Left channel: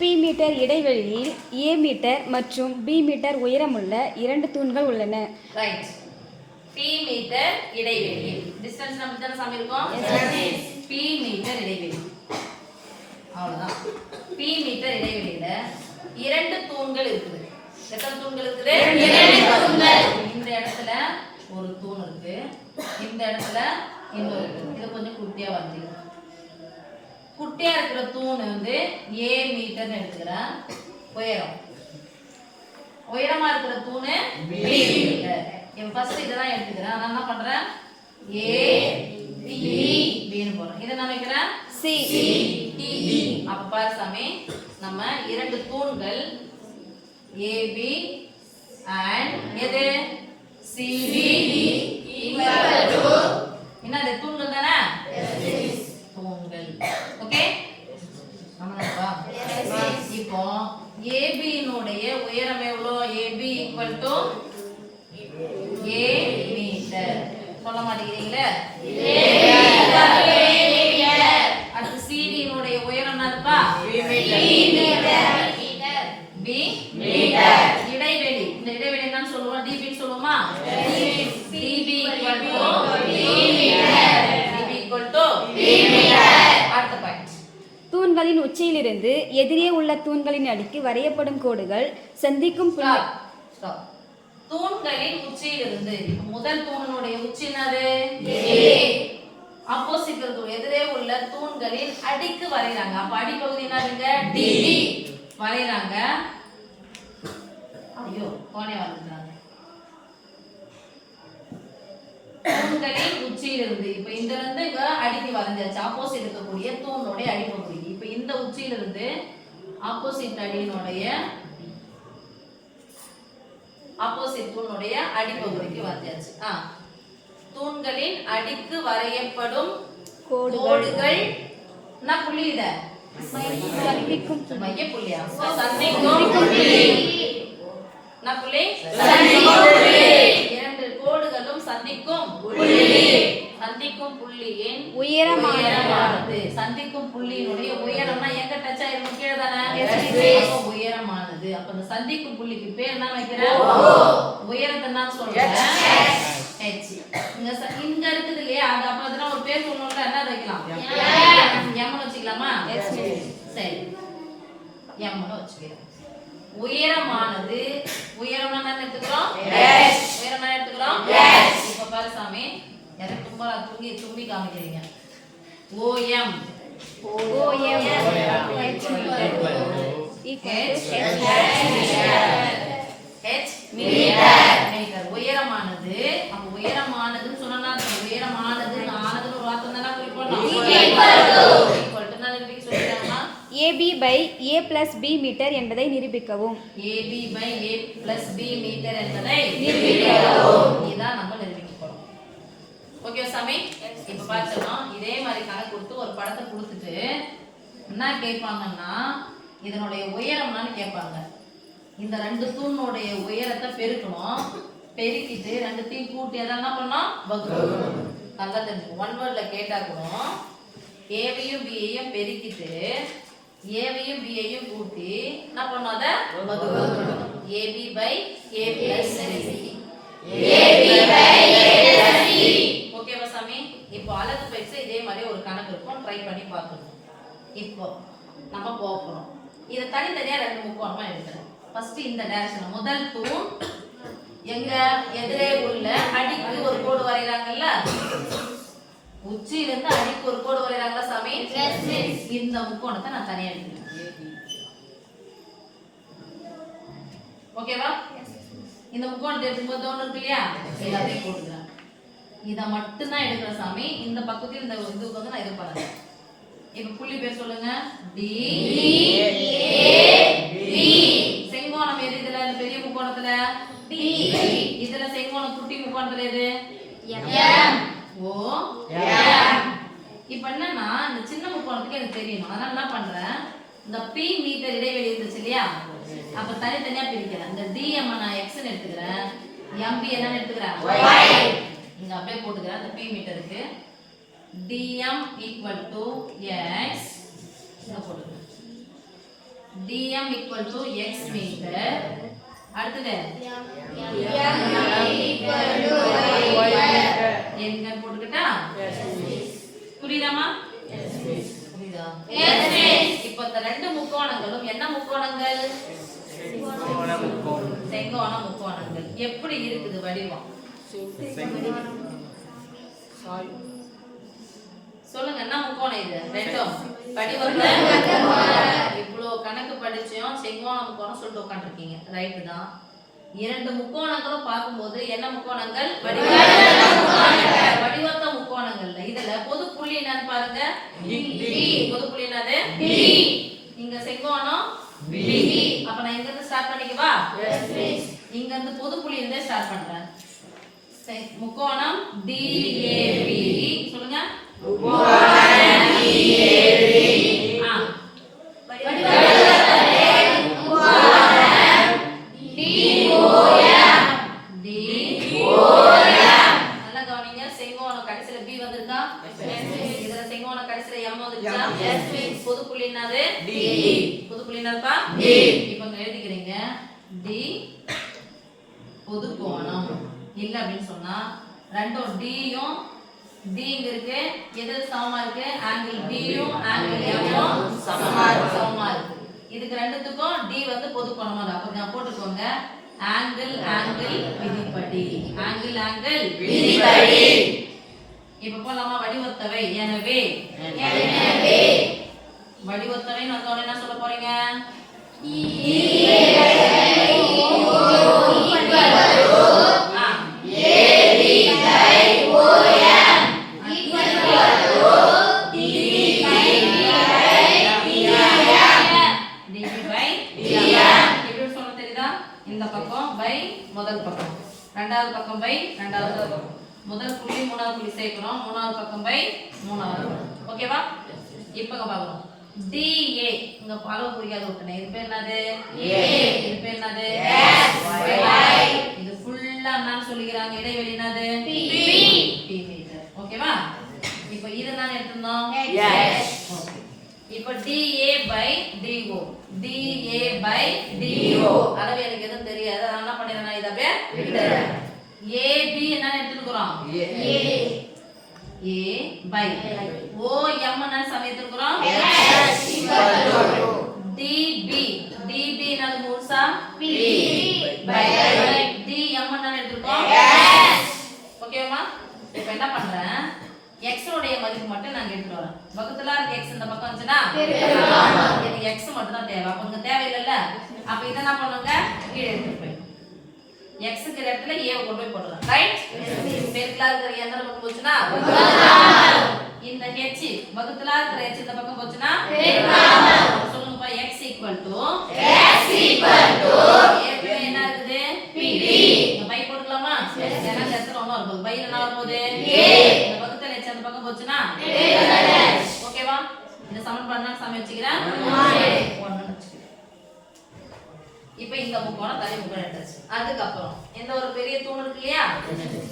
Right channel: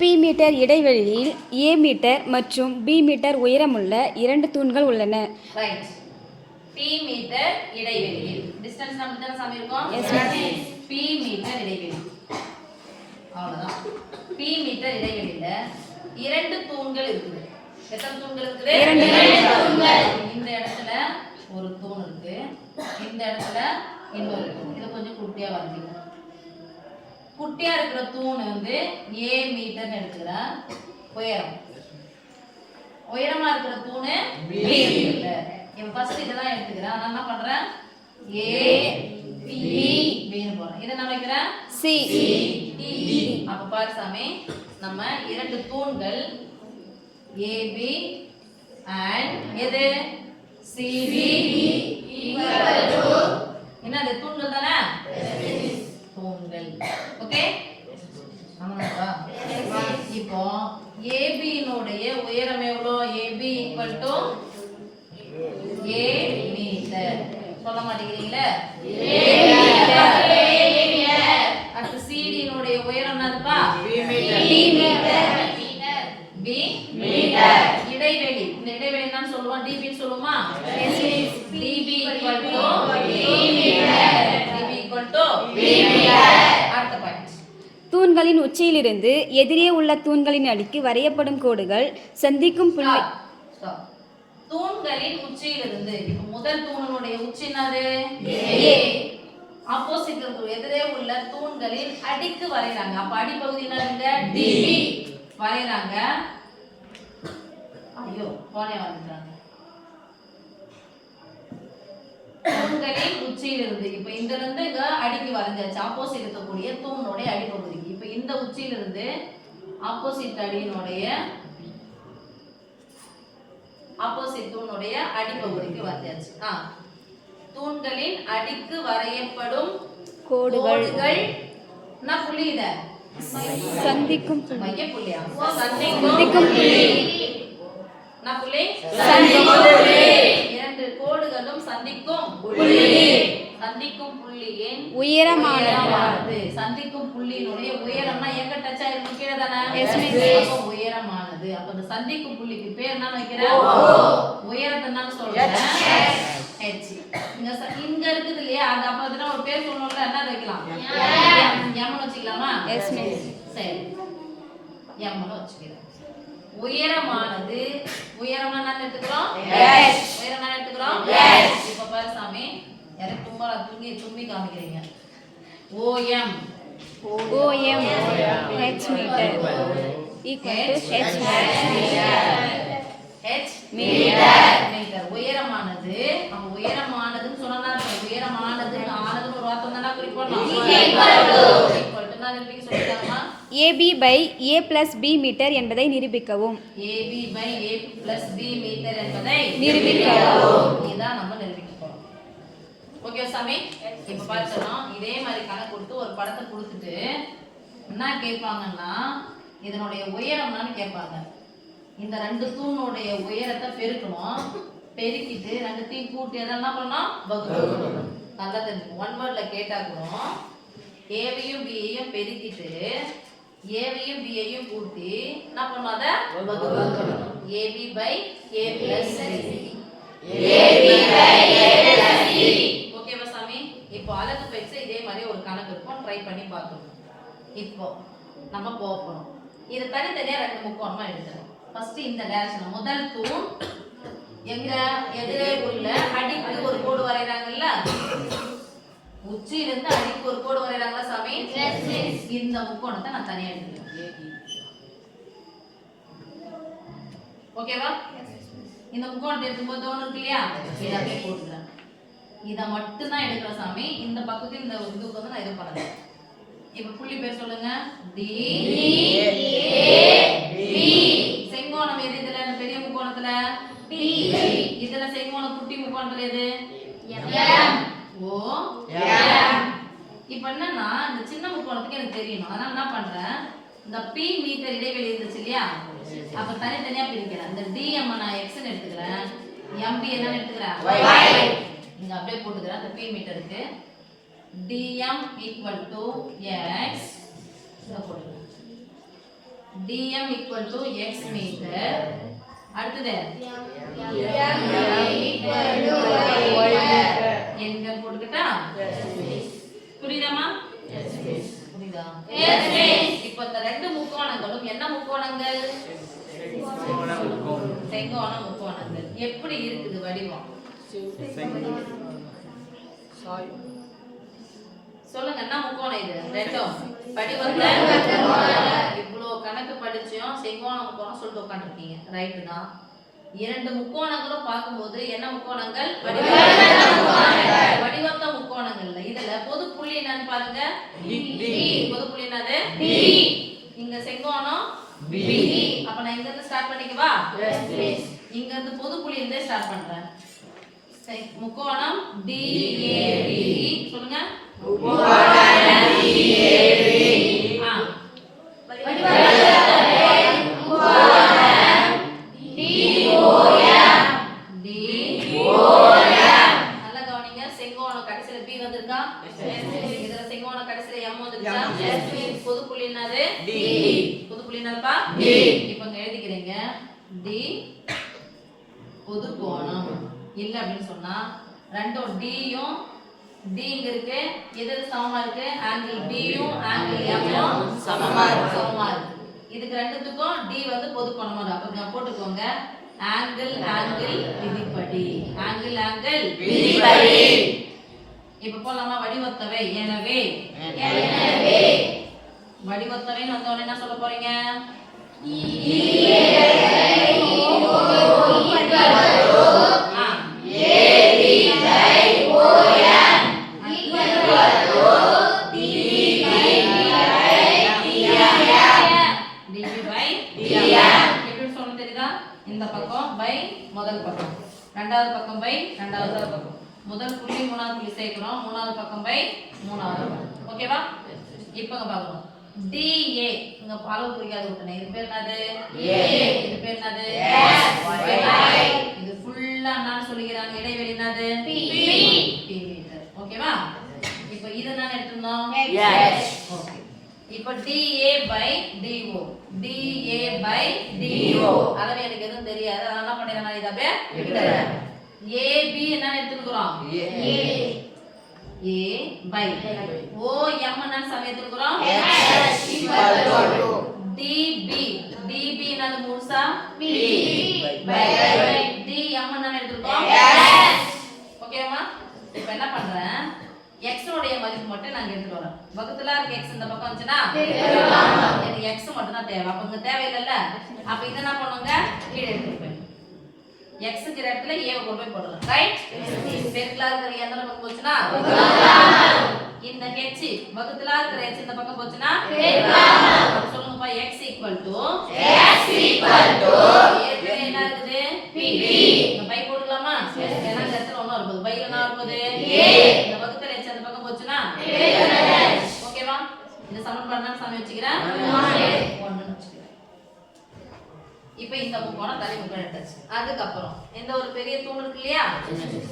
B metre இடைவெளியில் ஏ metre மற்றும் B metre உயரமுள்ள 2 தூண்கள் உள்ளன. ரைட். பி மீட்டர் இடைவெளியில் டிஸ்டன்ஸ் நம்ம தான சாமி இருக்கோம். பி மீட்டர் இடைவெளி அவ்வளவுதான். பி மீட்டர் இடைவெளியில 2 தூண்கள் இருக்குது. எத்தனை தூண்கள் இருக்குது? 2 தூண்கள். இந்த இடத்துல ஒரு தூண் இருக்கு, இந்த இடத்துல இன்னொரு தூண். இது கொஞ்சம் குட்டியா வரைஞ்சிக்கலாம். குட்டியா இருக்கிற தூண் வந்து ஏ மீட்டர்னு எடுத்துக்கிறேன். உயரமா இருக்கிற தூணு பி மீட்டர். இப்போ ஃபர்ஸ்ட் இதெல்லாம் எடுத்துக்கிறேன். நான் என்ன பண்றேன்? ஏ பி பின்னு போறேன். இதை நான் வைக்கிறேன் சி டி. அப்ப பாரு சாமி, நம்ம 2 தூண்கள் ஏபி அண்ட் எது சிடி ஈக்குவல் டு என்னது? தூண்கள் தானே? தூண்கள். ஓகே, ஆமாப்பா. இப்போ ஏபி னுடைய உயரம் எவ்வளோ? AB equal to A meter. சொல்ல மாட்டேங்கிறீங்களே? அடுத்து சிடி னுடைய உயரம் என்னதுப்பா? B meter. இடைவெளி, இந்த இடைவெளி என்னன்னு சொல்லுவோம்? டிபி சொல்லுவோமா? DB equal to B meter. DB equal to B meter. அடுத்த பாயிண்ட். தூண்களின் உச்சியிலிருந்து எதிரே உள்ள தூண்களின் அடிக்கு வரையப்படும் கோடுகள் சந்திக்கும் புள்ளி. தூண்களின் உச்சியிலிருந்து, இப்ப முதல் தூணினுடைய உச்சி என்னது? ஆப்போசிட் எதிரே உள்ள தூண்களின் அடிக்கு வரைறாங்க. அப்ப அடிப்பகுதி என்னதுங்க? டிபி வரைறாங்க. ஐயோ, கோணே வந்துட்டாங்க. தூண்களின் உச்சியிலிருந்து, இப்ப இந்த இருந்து இங்க அடிக்கு வரைஞ்சாச்சு. ஆப்போசிட் இருக்கக்கூடிய தூணுடைய அடிப்பகுதிக்கு. இப்ப இந்த உச்சியிலிருந்து ஆப்போசிட் அடியினுடைய ஆப்போசிட் தூணுடைய அடிப்பகுதிக்கு வரைஞ்சாச்சு. தூண்களின் அடிக்கு வரையப்படும் கோடுகள் என்ன புள்ளி? இத சந்திக்கும் மைய புள்ளியா? சந்திக்கும் புள்ளி. என்ன புள்ளி? சந்திக்கும் புள்ளி. 2 கோடுகளும் சந்திக்கும் புள்ளி. சந்திக்கும் புள்ளியின் உயரமானது. சந்திக்கும் புள்ளியினுடைய உயரம்னா எங்க டச் ஆயிரும்? கீழே தானே? அப்ப உயரமானது. அப்ப இந்த சந்திக்கும் புள்ளிக்கு பேர் என்ன வைக்கிறேன்? உயரத்தை நான் சொல்றேன் h. இங்க இருக்குது இல்லையா? அது அப்ப அதுனா ஒரு பேர் சொல்லணும்ல, என்ன வைக்கலாம்? m வச்சுக்கலாமா? சரி, m வச்சுக்கிறேன். உயரமானது, உயரம் என்ன எடுத்துக்கிறோம்? உயரம் என்ன எடுத்துக்கிறோம்? இப்ப பாரு சாமி, எனக்கு தும்பரா தும்மி காமிக்கிறீங்க. OM h meter h meter. உயரமானது. அப்ப உயரமானதுன்னு சொன்னா உயரமானது ஆனதுன்னு ஒரு வார்த்தை தான குறிப்போம். ஈக்குவல் டு நான் நிரூபிக்க சொல்லிட்டேன்மா. AB by A plus B metre என்பதை நிரூபிக்கவும். AB by A plus B metre என்பதை நிரூபிக்கவும். இதான் நம்ம நிரூபிக்க போறோம். ஓகே சாமி, இப்ப பார்த்தோம். இதே மாதிரி கணக்கு கொடுத்து ஒரு படத்தை கொடுத்துட்டு என்ன கேட்பாங்கன்னா, இதனுடைய உயரம்னு கேட்பாங்க. இந்த 2 தூணுடைய உயரத்தை பெருக்கணும். பெருக்கிட்டு 2த்தையும் கூட்டி எல்லாம் என்ன பண்ணணும்? வகுக்கணும். நல்லா தெரிஞ்சுக்கணும். 1 வேர்ட்ல கேட்டா கூட ஏவையும் பியையும் பெருக்கிட்டு ஏவையும் பியையும் கூட்டி என்ன பண்ணும்? அதை வகுக்கணும். AB by A plus B. ஓகேவா சாமி? இப்போ அலகு பயிற்சி இதே மாதிரி ஒரு கணக்கு இருக்கும், ட்ரை பண்ணி பார்க்கணும். இப்போ நம்ம போகணும். இதை தனித்தனியா 2 முக்கோணமா எடுக்கணும். ஃபர்ஸ்ட் இந்த டைரக்ஷன், முதல் தூண் எங்க எதிரே உள்ள அடிக்கு ஒரு கோடு வரையறாங்கல்ல, உச்சியிலிருந்து அடிக்கு ஒரு கோடு வரையறாங்களா சாமி? இந்த முக்கோணத்தை நான் தனியா எடுக்கிறேன். ஓகேவா? இந்த முக்கோணத்தை எடுக்கும்போது தோணு இருக்கு இல்லையா? இதை அப்படியே போட்டுக்கிறேன். இதை மட்டும் தான் எடுக்கிற சாமி. இந்த பக்கத்தில் இந்த இதுக்கு வந்து நான் இது பண்ணுறேன். இப்ப புள்ளி பேர் சொல்லுங்க. D A B. செங்கோணம் எது இதுல? இந்த பெரிய முக்கோணத்துல D. இதுல செங்கோணம் குட்டி முக்கோணத்துல எது? M. O M. இப்போ என்னன்னா இந்த சின்ன முக்கோணத்துக்கு எனக்கு தெரியணும். அதனால என்ன பண்றேன், இந்த P மீட்டர் இடைவெளி இருந்துச்சு இல்லையா, அப்ப தனித்தனியா பிரிக்கிறேன். இந்த DM நான் x ன்னு எடுத்துக்கிறேன், MB என்னன்னு எடுத்துக்கிறேன் y. இங்க அப்படியே போட்டுக்கிறேன். இந்த P மீட்டருக்கு DM equal to x இங்க போட்டுக்கிறேன். dm equal to x metre. அடுத்தது எங்க போட்டுக்கிட்டா புரியுதாமா? புரியுதா? இப்போ இந்த ரெண்டு முக்கோணங்களும் என்ன முக்கோணங்கள்? செங்கோண முக்கோணங்கள். எப்படி இருக்குது வடிவம்? சொல்லுங்க, என்ன முக்கோணம் இது? ரெண்டும் வடிவத்துல இவ்வளவு கணக்கு படிச்சோம், செங்கோண முக்கோணம் சொல்லிட்டு உட்காந்துருக்கீங்க. ரைட்டு தான். இரண்டு முக்கோணங்களும் பார்க்கும்போது என்ன முக்கோணங்கள்? வடிவத்த முக்கோணங்கள்ல இதுல பொது புள்ளி என்னன்னு பாருங்க. பொது புள்ளி என்னது? இங்க செங்கோணம் B. அப்ப நான் இங்க இருந்து ஸ்டார்ட் பண்ணிக்கவா? இங்க இருந்து பொது புள்ளி இருந்தே ஸ்டார்ட் பண்றேன். முக்கோணம் DAB. சொல்லுங்க. நல்லா கவனிங்க. செங்கோணம் கடைசில B வந்திருக்கா? இதுல செங்கோணம் கடைசில M வந்துருச்சா? பொது புள்ளி என்னது? பொது புள்ளி என்னதுப்பா? இப்போ இங்க எழுதிக்கிறீங்க. D பொது கோணம் இல்ல அப்படின்னு சொன்னா ரெண்டும் D யும் D இங்க இருக்கு, எது சமமா இருக்கு? ஆங்கிள் B யும் ஆங்கிள் M யும் சமமா இருக்கு. இதுக்கு ரெண்டுத்துக்கும் D வந்து பொது கோணமா இருக்கு. அப்ப நான் போட்டுக்கோங்க, ஆங்கிள் ஆங்கிள் விதிப்படி. ஆங்கிள் ஆங்கிள் விதிப்படி. இப்ப போலாமா? வடிவத்தவை. எனவே வடிவத்தவைன்னு வந்தோடனே என்ன சொல்ல போறீங்க? இந்த பக்கம் பை முதல் பக்கம், ரெண்டாவது பக்கம் பை ரெண்டாவது பக்கம், முதல் புள்ளி மூணாவது புள்ளி சேர்க்கணும், மூணாவது பக்கம் பை மூணாவது. ஓகேவா? இப்பங்க பார்க்கலாம். DA இங்க அளவு புரியாத விட்டனே. இது பேர் என்னது? இது பேர் என்னது? இது ஃபுல்லா நான் சொல்லிக்கிறாங்க. இடைவெளி என்னது? P metre. ஓகேவா? இப்போ இத நான் எடுத்துறோம். ஓகே. இப்போ DA by DO. DA by DO. அளவு எனக்கு எதுவும் தெரியாது. நான் என்ன பண்ணிரேன்? நான் இத அப்படியே விட்டுறேன். AB என்ன எடுத்துக்கறோம்? A by OM என்ன சமயத்துக்குறோம்? DB. DB என்னது முழுசா? P by DM என்ன எடுத்துக்கறோம்? ஓகேவா? இப்போ என்ன பண்றேன்? x உடைய மதிப்பு மட்டும் நான் எடுத்துட்டு வரேன். பக்கத்துல இருக்க x இந்த பக்கம் வந்துச்சுனா எனக்கு x மட்டும் தான் தேவை. அப்ப இங்க தேவையில்லைல. அப்ப இத என்ன பண்ணுங்க? கீழ எடுத்துட்டு போய் x க்கு இடத்துல a வை கொண்டு போய் போடுறேன். ரைட்? பெருக்கலா இருக்கிற என்ன பக்கம் போச்சுனா இந்த h பக்கத்துல இருக்கிற h இந்த பக்கம் போச்சுனா பெருக்கலா. சொல்லுங்கப்பா, x ஏற்கனவே என்ன இருக்குது? p. இந்த பை போட்டுக்கலாமா? ஏன்னா இந்த இடத்துல ஒண்ணு வருது. பைல என்ன வருது? a. இந்த பக்கத்துல h அந்த பக்கம் போச்சுனா பெருக்கலா. ஓகேவா? இந்த சமன்பாடு நான் சம வச்சுக்கிறேன். 1 வச்சுக்கிறேன். இப்போ இந்த முக்கோணம் தனி முக்கோணம் எடுத்தாச்சு. அதுக்கு அப்புறம் இந்த ஒரு பெரிய தூண் இருக்கு இல்லையா?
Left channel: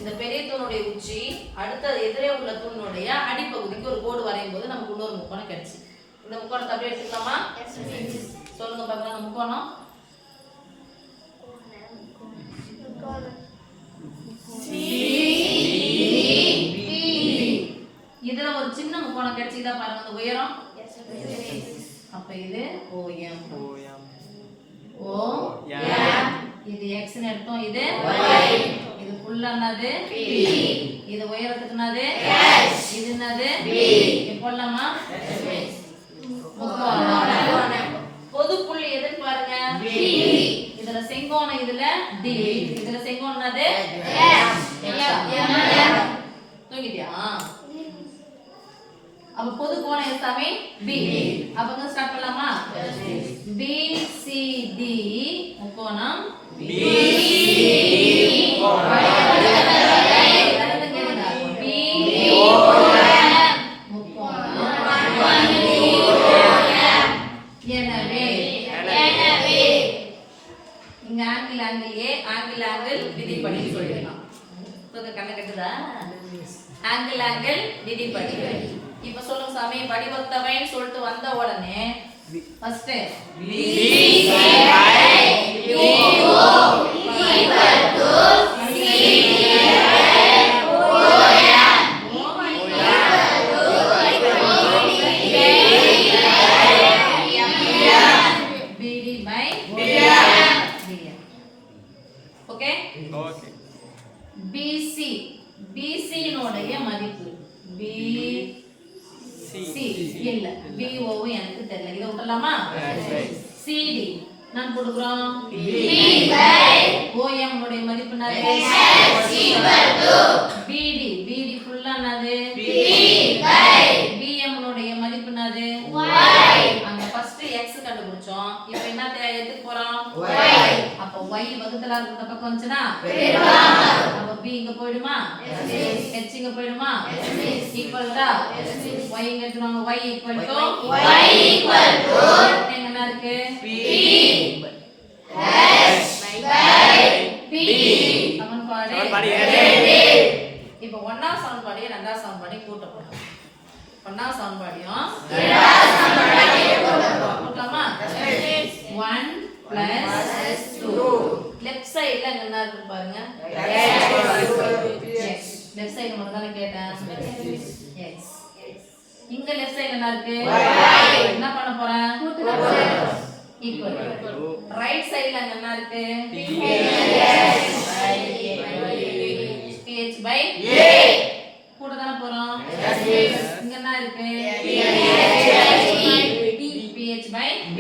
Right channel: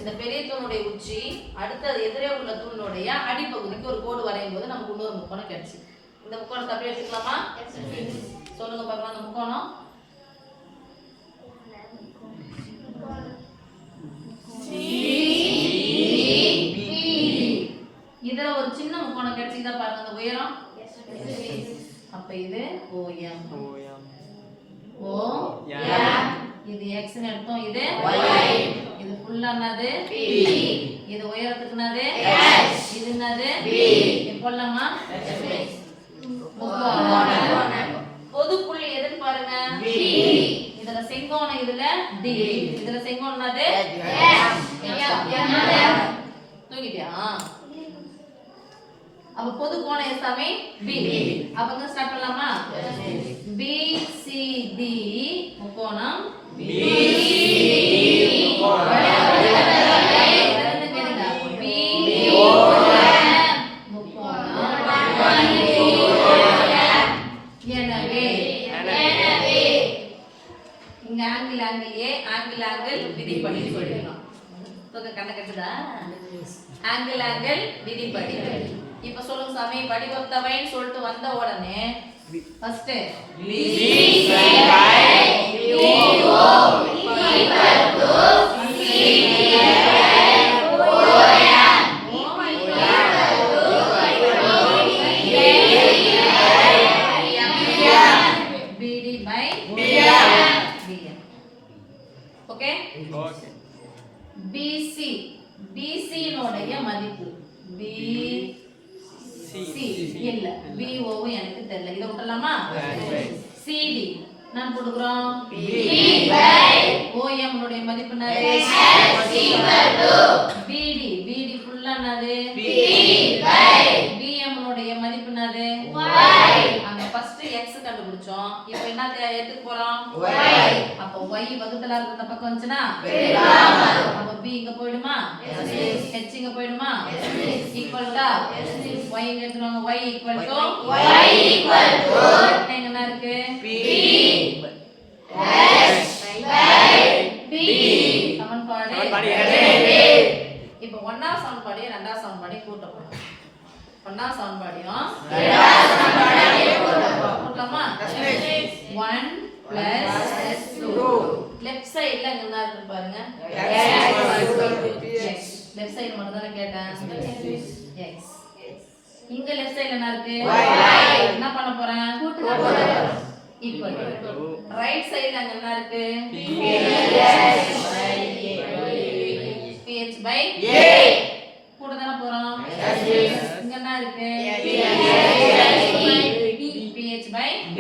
இந்த பெரிய தூணுடைய உச்சி அடுத்த எதிரே உள்ள தூணுடைய அடிப்பகுதிக்கு ஒரு கோடு வரையும் போது நமக்கு இன்னொரு முக்கோணம் கிடைச்சு. இந்த முக்கோணத்தை அப்படியே எடுத்துக்கலாமா? சொல்லுங்க பார்க்கலாம். அந்த முக்கோணம் இதுல ஒரு சின்ன முக்கோணம் கிடைச்சுதா பாருங்க. அந்த உயரம் அப்ப இது OM. O இது x ன்னு எடுத்தோம். இது y. இது ஃபுல்லா என்னது? P. இது உயரத்துக்கு என்னது? h. இது என்னது? B. இது போடலாமா? முக்கோணம். பொது புள்ளி எதுன்னு பாருங்க? B. இதுல செங்கோணம், இதுல D. இதுல செங்கோணம் என்னது? h. தூங்கிட்டியா? அப்ப பொது கோணம் எதுமே B. அப்பங்க ஸ்டார்ட் பண்ணலாமா? BCD முக்கோணம் BCD முக்கோணம் எனவே இங்க angle angle A angle angle விதிப்படி சொல்லிடலாம். இப்ப கண்ண கட்டுதா? ஆங்கிள் ஆங்கிள் விதிப்படி. இப்ப சொல்லுங்க சாமி, வடிவத்தவைன்னு சொல்லிட்டு வந்த உடனே ஃபர்ஸ்ட் ஓகே. பிசி பிசியினுடைய மதிப்பு பிசி இல்ல பிஓவும் எனக்கு தெரியல, இதை விட்டுலாமா? சிடி நான் கொடுக்குறோம் ஓஎம் உடைய மதிப்பு என்னது? பிடி பிடி ஃபுல்லா என்னது? பிஎம் உடைய மதிப்பு என்னது? அங்க ஃபர்ஸ்ட் எக்ஸ் கண்டுபிடிச்சோம், இப்போ என்ன எடுத்துக்க போறோம்? அப்போ y வகுத்தலா இருக்கிற பக்கம் வந்துச்சுனா அப்போ b இங்க போய்டுமா? h இங்க போய்டுமா? ஈக்குவல் டு y இங்க எடுத்துவாங்க, y ஈக்குவல் டு என்ன இருக்கு? சமன்பாடு இப்போ ஒன்னாவது சமன்பாடையும் ரெண்டாவது சமன்பாடையும் கூட்ட போறோம். ஒன்னாவது சமன்பாடையும் கூட்டலாமா? 1 + 2 லெஃப்ட் சைடுல என்ன இருக்கு பாருங்க, x லெஃப்ட் சைடு மட்டும் தான கேட்டேன், x இங்க லெஃப்ட் சைடுல என்ன இருக்கு? என்ன பண்ண போறேன்? கூட்ட போறேன். ஈக்குவல் ரைட் சைடுல அங்க என்ன இருக்கு? ph by a கூட தான போறோம். இங்க என்ன இருக்கு? ph by b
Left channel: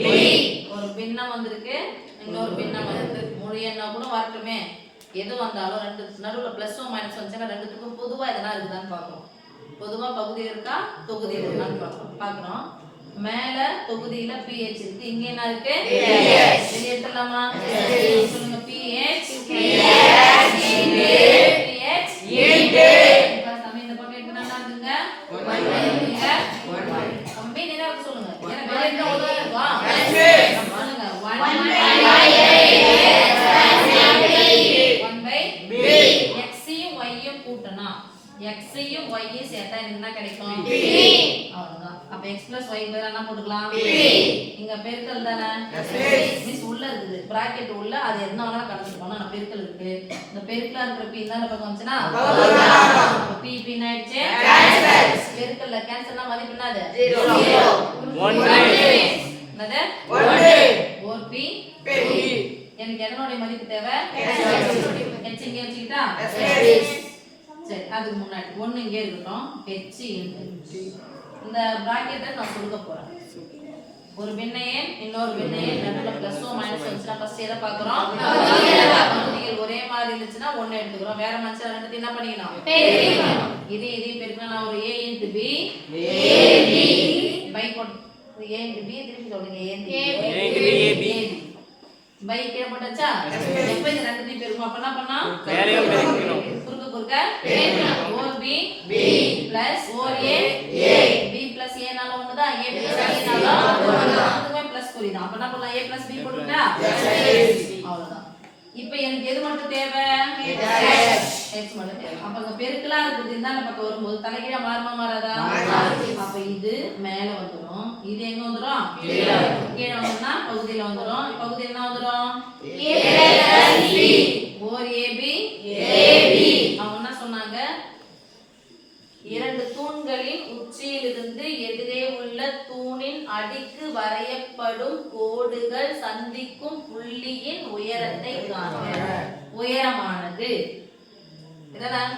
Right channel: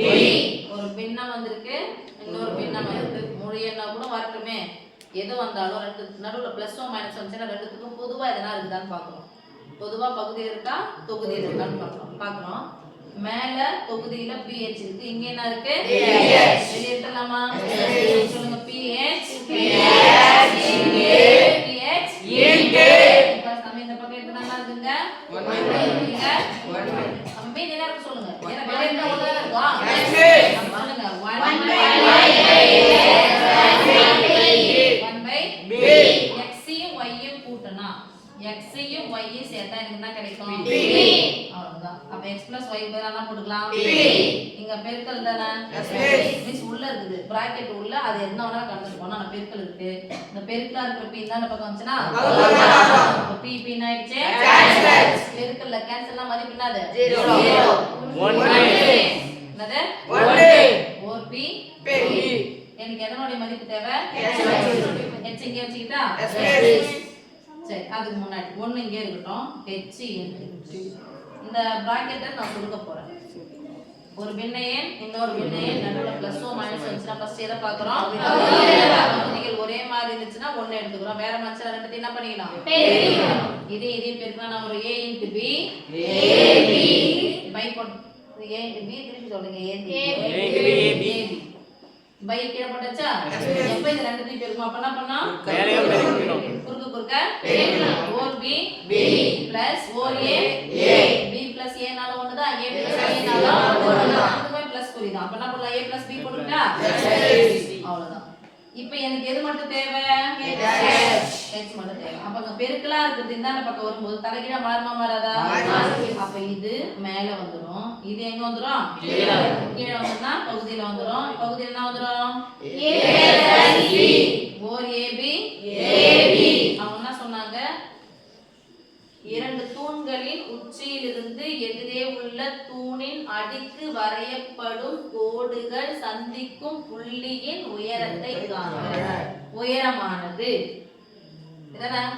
ஒரு பின்னம் வந்திருக்கு, இன்னொரு பின்னம் வந்திருக்கு. முழு எண்ணா கூட வரட்டுமே, எது வந்தாலும் ரெண்டு நடுவுல பிளஸ் மைனஸ் வந்துச்சுன்னா ரெண்டுத்துக்கும் பொதுவா எதனா இருக்குதான்னு பாக்குறோம். பொதுவா பகுதி இருக்கா தொகுதி இருக்கான்னு பாக்குறோம். மேல தொகுதியில pH இருக்கு, இங்க என்ன இருக்கு? வெளிய எடுத்துலாமா? சொல்லுங்க pH சாமி இந்த பக்கம் எடுத்தா என்ன இருக்குங்க? அம்பே என்ன இருக்கு சொல்லுங்க, ஏன்னா வெளிய இருந்தா ஒண்ணா இருக்கா? பாருங்க 1/b x-ஐயும் y-யும் கூட்டனா x யும் y யும் சேர்த்தா எனக்கு என்ன கிடைக்கும்? அவ்வளவுதான். அப்ப x + y பேர் என்ன போட்டுக்கலாம்? இங்க பெருக்கல் தானே, மீன்ஸ் உள்ள இருக்குது பிராக்கெட் உள்ள, அது என்ன வேணா கடந்துட்டு போனா நான் பெருக்கல் இருக்கு. இந்த பெருக்கலா இருக்கிற p இந்த பக்கம் வந்துச்சுனா அப்ப p என்ன ஆயிடுச்சு? பெருக்கல்ல கேன்சல்னா மதிப்பு என்னது? 0 என்னது? 4p எனக்கு எதனோட மதிப்பு தேவை? h இங்க வச்சுக்கிட்டா சரி, அதுக்கு முன்னாடி 1 இங்கே இருக்கட்டும், h இந்த பிராக்கெட்டை நான் கொடுக்க போறேன். ஒரு பின்ன எண் இன்னொரு பின்ன எண் நடுவுல பிளஸ் மைனஸ் வந்துச்சுன்னா ஃபர்ஸ்ட் எதை பார்க்குறோம்? பகுதிகள் ஒரே மாதிரி இருந்துச்சுன்னா 1 எடுத்துக்கிறோம், வேற மனுஷன் ரெண்டுத்தையும் என்ன பண்ணிக்கலாம்? இதையும் பெருக்கினா நான் ஒரு a × b பை போட்டு a × b திருப்பி சொல்லுங்க, a × b பை கீழ போட்டாச்சா? இப்போ இந்த ரெண்டுத்தையும் பெருக்கணும், அப்ப என்ன பண்ணா? மேலேயும் பெருக்கணும், குறுக்க 4b plus 4a b plus a நால ஒண்ணுதான், a plus a நால ஒண்ணுதான், அதுவே பிளஸ் குறிதான். அப்ப என்ன பண்ணலாம்? a plus b போட்டுட்டா அவ்வளவுதான். இப்போ எனக்கு எது மட்டும் தேவை? x மட்டும் தேவை. அப்ப அங்க பெருக்கலா இருக்குது இந்தால பக்கம் வரும்போது தலைகீழா மாறுமா மாறாதா? அப்ப இது மேல வந்துரும், இது எங்க வந்துரும்? கீழ வந்துனா பகுதியில வந்துரும். பகுதியில என்ன வந்துரும்? a + b 4ab அவங்க என்ன சொன்னாங்க? இரண்டு தூண்களின் உச்சியிலிருந்து எதிரே உள்ள தூணின் அடிக்கு வரையப்படும் கோடுகள் சந்திக்கும் புள்ளியின் உயரத்தை காண்க. உயரமானது இதான்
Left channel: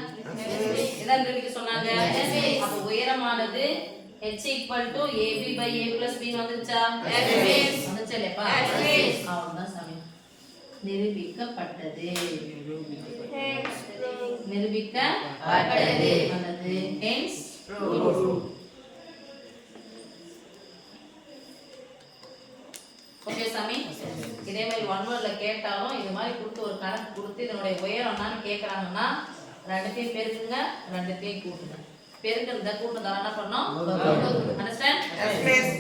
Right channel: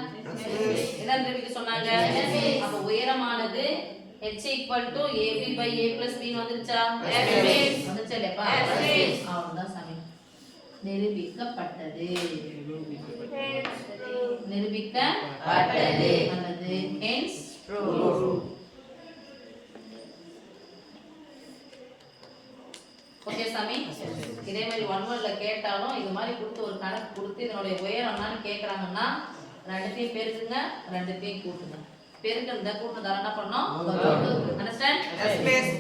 சொன்னாங்க. அப்ப உயரமானது h = ab / a + b வந்துச்சா? வந்துச்சா இல்லையாப்பா? அவ்வளவுதான் சாமி. நிரூபிக்கப்பட்டது அல்லது hence proved. ஓகே சாமி, இதே மாதிரி 1 வேர்ட்ல கேட்டாலும் இது மாதிரி கொடுத்து ஒரு கணக்கு கொடுத்து இதனுடைய உயரம் என்னன்னு கேக்குறாங்கன்னா ரெண்டுத்தையும் பெருக்குங்க, ரெண்டுத்தையும் கூட்டுங்க. பெருக்குறத கூட்டுறதால என்ன பண்ணோம்? அண்டர்ஸ்டாண்ட்?